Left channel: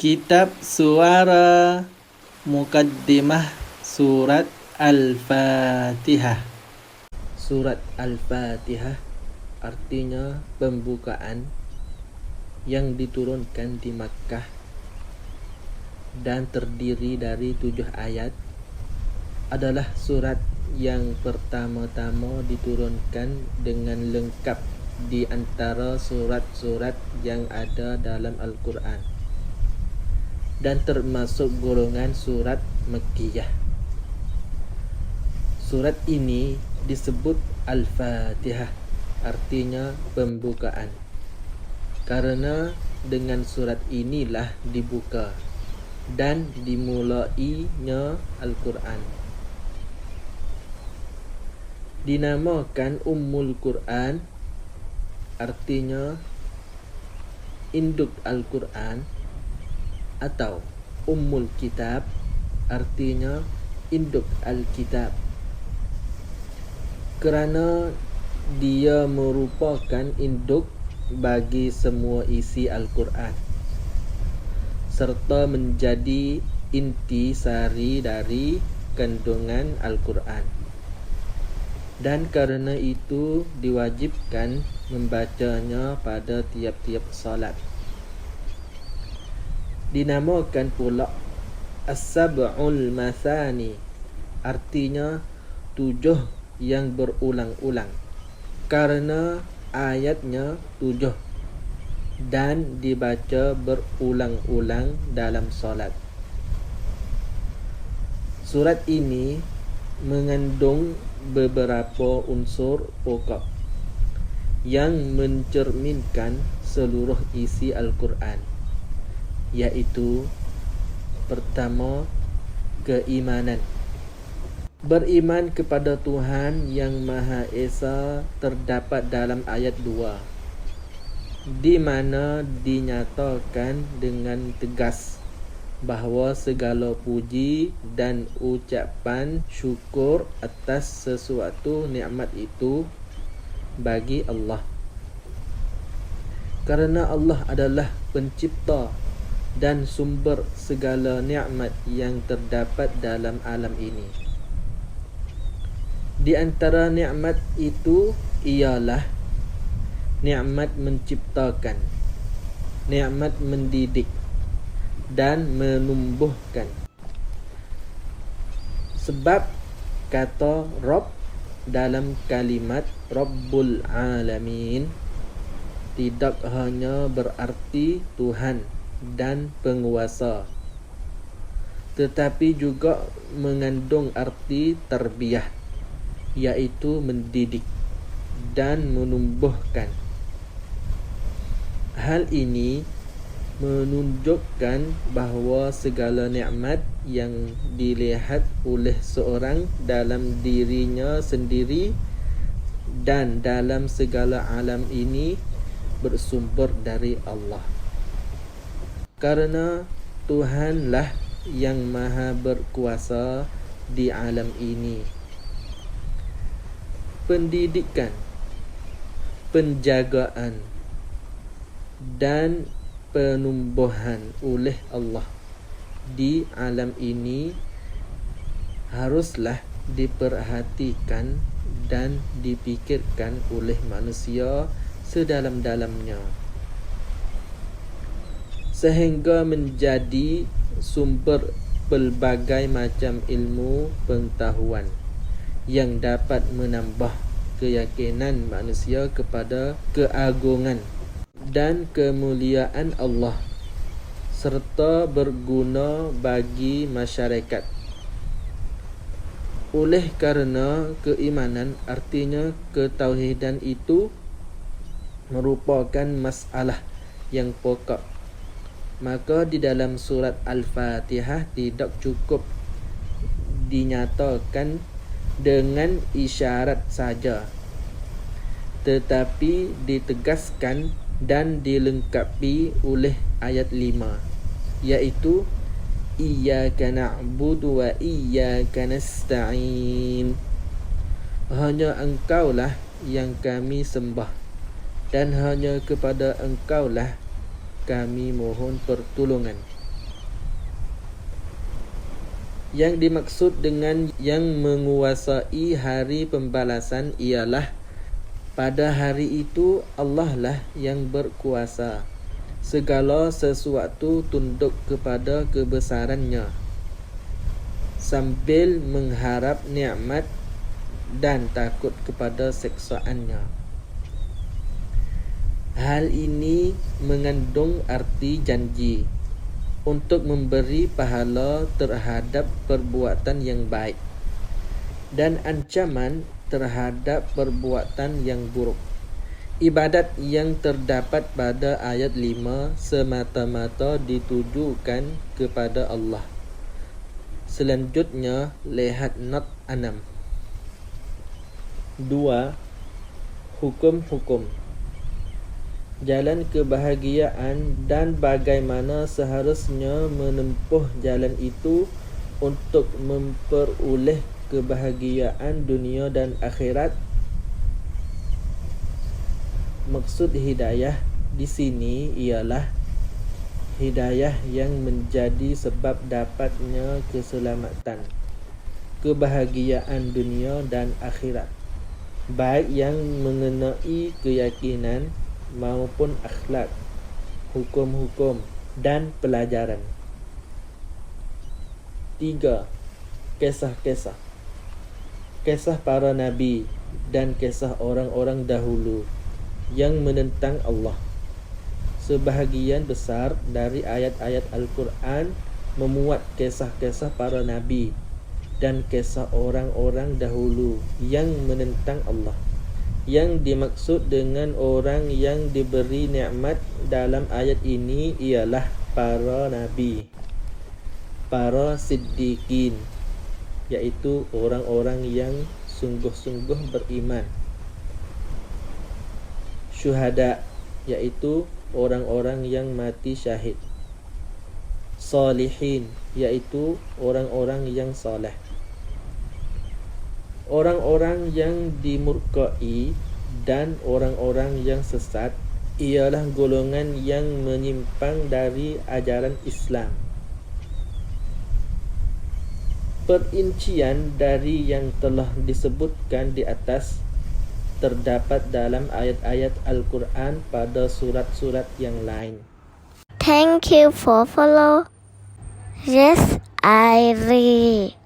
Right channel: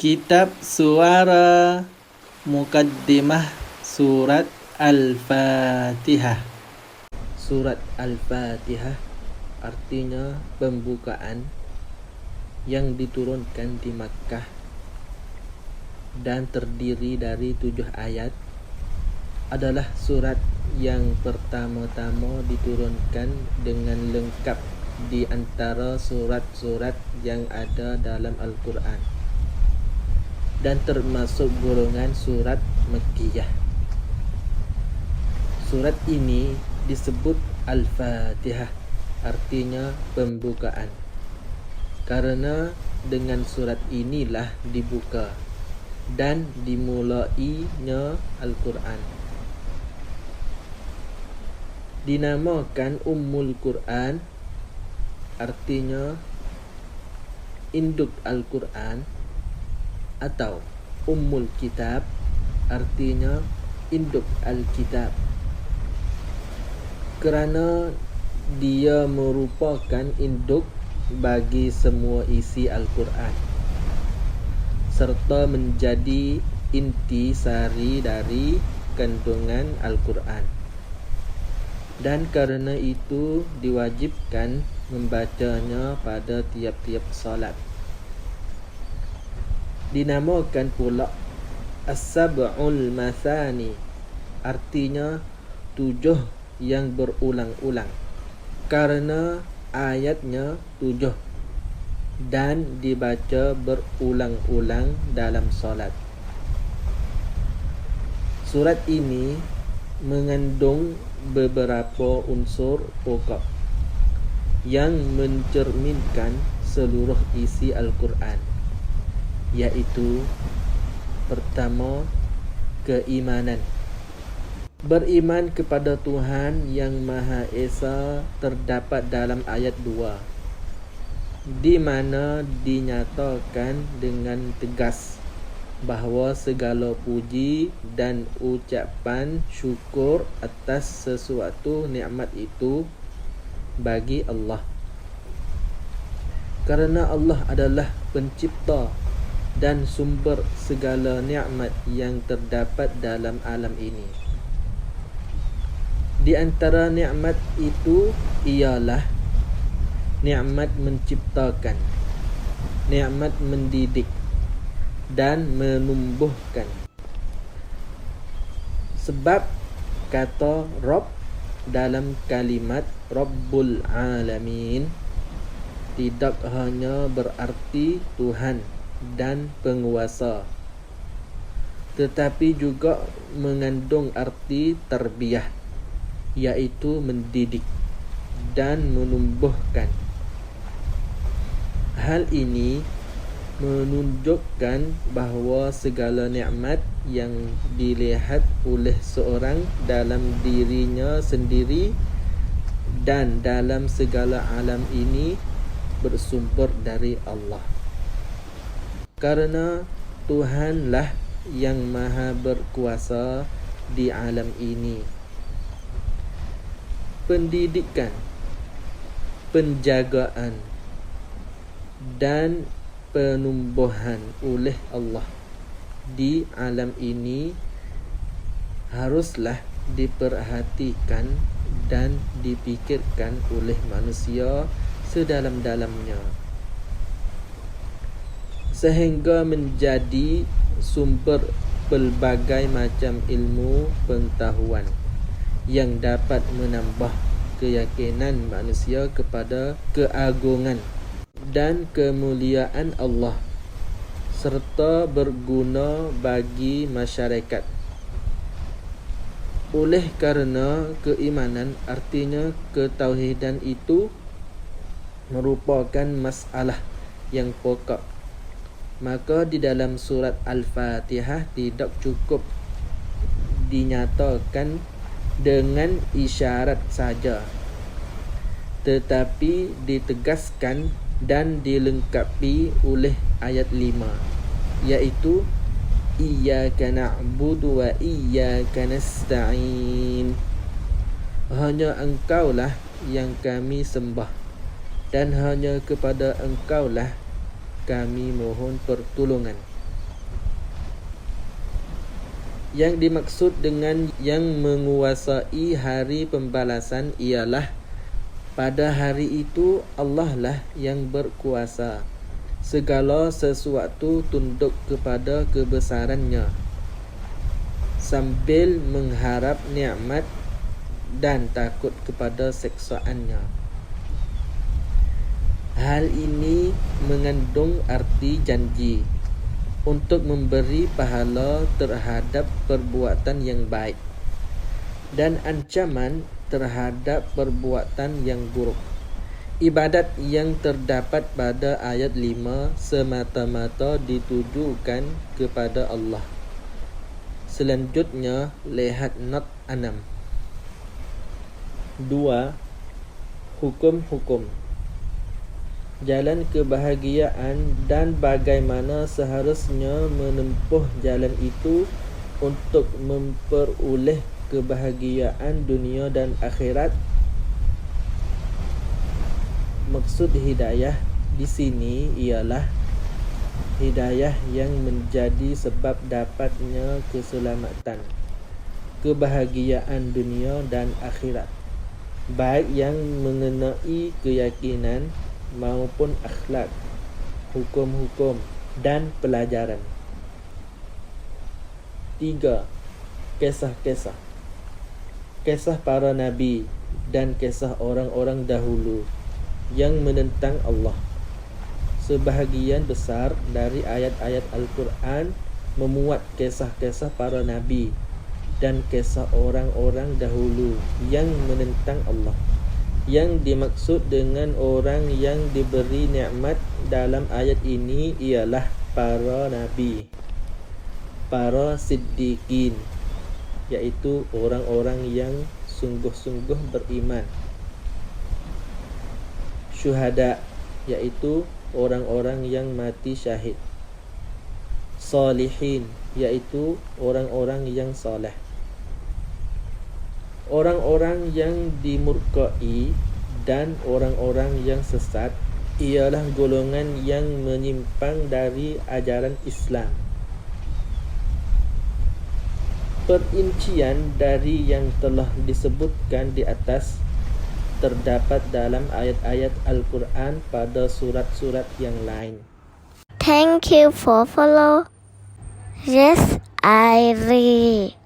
Kitab Suara Muqaddimah Surat Al-Fatihah. Surat Al-Fatihah artinya pembukaan yang diturunkan di Makkah dan terdiri dari 7 ayat. Adalah surat yang pertama-tama diturunkan dengan lengkap di antara surat-surat yang ada dalam Al-Quran, dan termasuk golongan surat Makkiyah. Surat ini disebut Al-Fatihah, artinya pembukaan, karena dengan surat inilah dibuka dan dimulainya Al-Quran. Dinamakan Ummul Quran, artinya induk Al-Quran, atau Ummul Kitab, artinya induk Al-Kitab, kerana dia merupakan induk bagi semua isi Al-Quran, serta menjadi inti sari dari kandungan Al-Quran. Dan kerana itu diwajibkan membacanya pada tiap-tiap salat. Dinamakan pula As-Sab'ul Mathani, artinya 7 yang berulang-ulang, karena ayatnya 7 dan dibaca berulang-ulang dalam solat. Surat ini mengandung beberapa unsur pokok yang mencerminkan seluruh isi Al-Quran, iaitu pertama, keimanan. Beriman kepada Tuhan yang Maha Esa terdapat dalam ayat 2, di mana dinyatakan dengan tegas bahawa segala puji dan ucapan syukur atas sesuatu nikmat itu bagi Allah, kerana Allah adalah pencipta dan sumber segala nikmat yang terdapat dalam alam ini. Di antara nikmat itu ialah nikmat menciptakan, nikmat mendidik dan menumbuhkan. Sebab kata Rabb dalam kalimat Rabbul Alamin tidak hanya berarti Tuhan dan penguasa, tetapi juga mengandung arti tarbiyah, iaitu mendidik dan menumbuhkan. Hal ini menunjukkan bahawa segala nikmat yang dilihat oleh seorang dalam dirinya sendiri dan dalam segala alam ini bersumber dari Allah, karena Tuhanlah yang maha berkuasa di alam ini. Pendidikan, penjagaan dan penumbuhan oleh Allah di alam ini haruslah diperhatikan dan dipikirkan oleh manusia sedalam-dalamnya, sehingga menjadi sumber pelbagai macam ilmu pengetahuan yang dapat menambah keyakinan manusia kepada keagungan dan kemuliaan Allah, serta berguna bagi masyarakat. Oleh kerana keimanan, artinya ketauhidan itu merupakan masalah yang pokok, maka di dalam surat Al-Fatihah tidak cukup dinyatakan dengan isyarat saja, tetapi ditegaskan dan dilengkapi oleh ayat 5, iaitu Iyyaka na'budu wa iyyaka nasta'in. Hanya Engkaulah yang kami sembah, dan hanya kepada Engkaulah kami mohon pertolongan. Yang dimaksud dengan yang menguasai hari pembalasan ialah pada hari itu Allah lah yang berkuasa. Segala sesuatu tunduk kepada kebesarannya sambil mengharap nikmat dan takut kepada seksaannya. Hal ini mengandung arti janji untuk memberi pahala terhadap perbuatan yang baik dan ancaman terhadap perbuatan yang buruk. Ibadat yang terdapat pada ayat 5 semata-mata ditujukan kepada Allah. Selanjutnya, lihat not 6. 2. Hukum-hukum jalan kebahagiaan dan bagaimana seharusnya menempuh jalan itu untuk memperoleh kebahagiaan dunia dan akhirat. Maksud hidayah di sini ialah hidayah yang menjadi sebab dapatnya keselamatan, kebahagiaan dunia dan akhirat, baik yang mengenai keyakinan maupun akhlak, hukum-hukum dan pelajaran. 3. Kisah-kisah. Kisah para nabi dan kisah orang-orang dahulu yang menentang Allah. Sebahagian besar dari ayat-ayat Al-Quran memuat kisah-kisah para nabi dan kisah orang-orang dahulu yang menentang Allah. Yang dimaksud dengan orang yang diberi nikmat dalam ayat ini ialah para nabi, para siddiqin, yaitu orang-orang yang sungguh-sungguh beriman, syuhada, yaitu orang-orang yang mati syahid, salihin, yaitu orang-orang yang saleh. Orang-orang yang dimurkai dan orang-orang yang sesat ialah golongan yang menyimpang dari ajaran Islam. Perincian dari yang telah disebutkan di atas terdapat dalam ayat-ayat Al-Quran pada surat-surat yang lain. Thank you for follow. Yes, I read.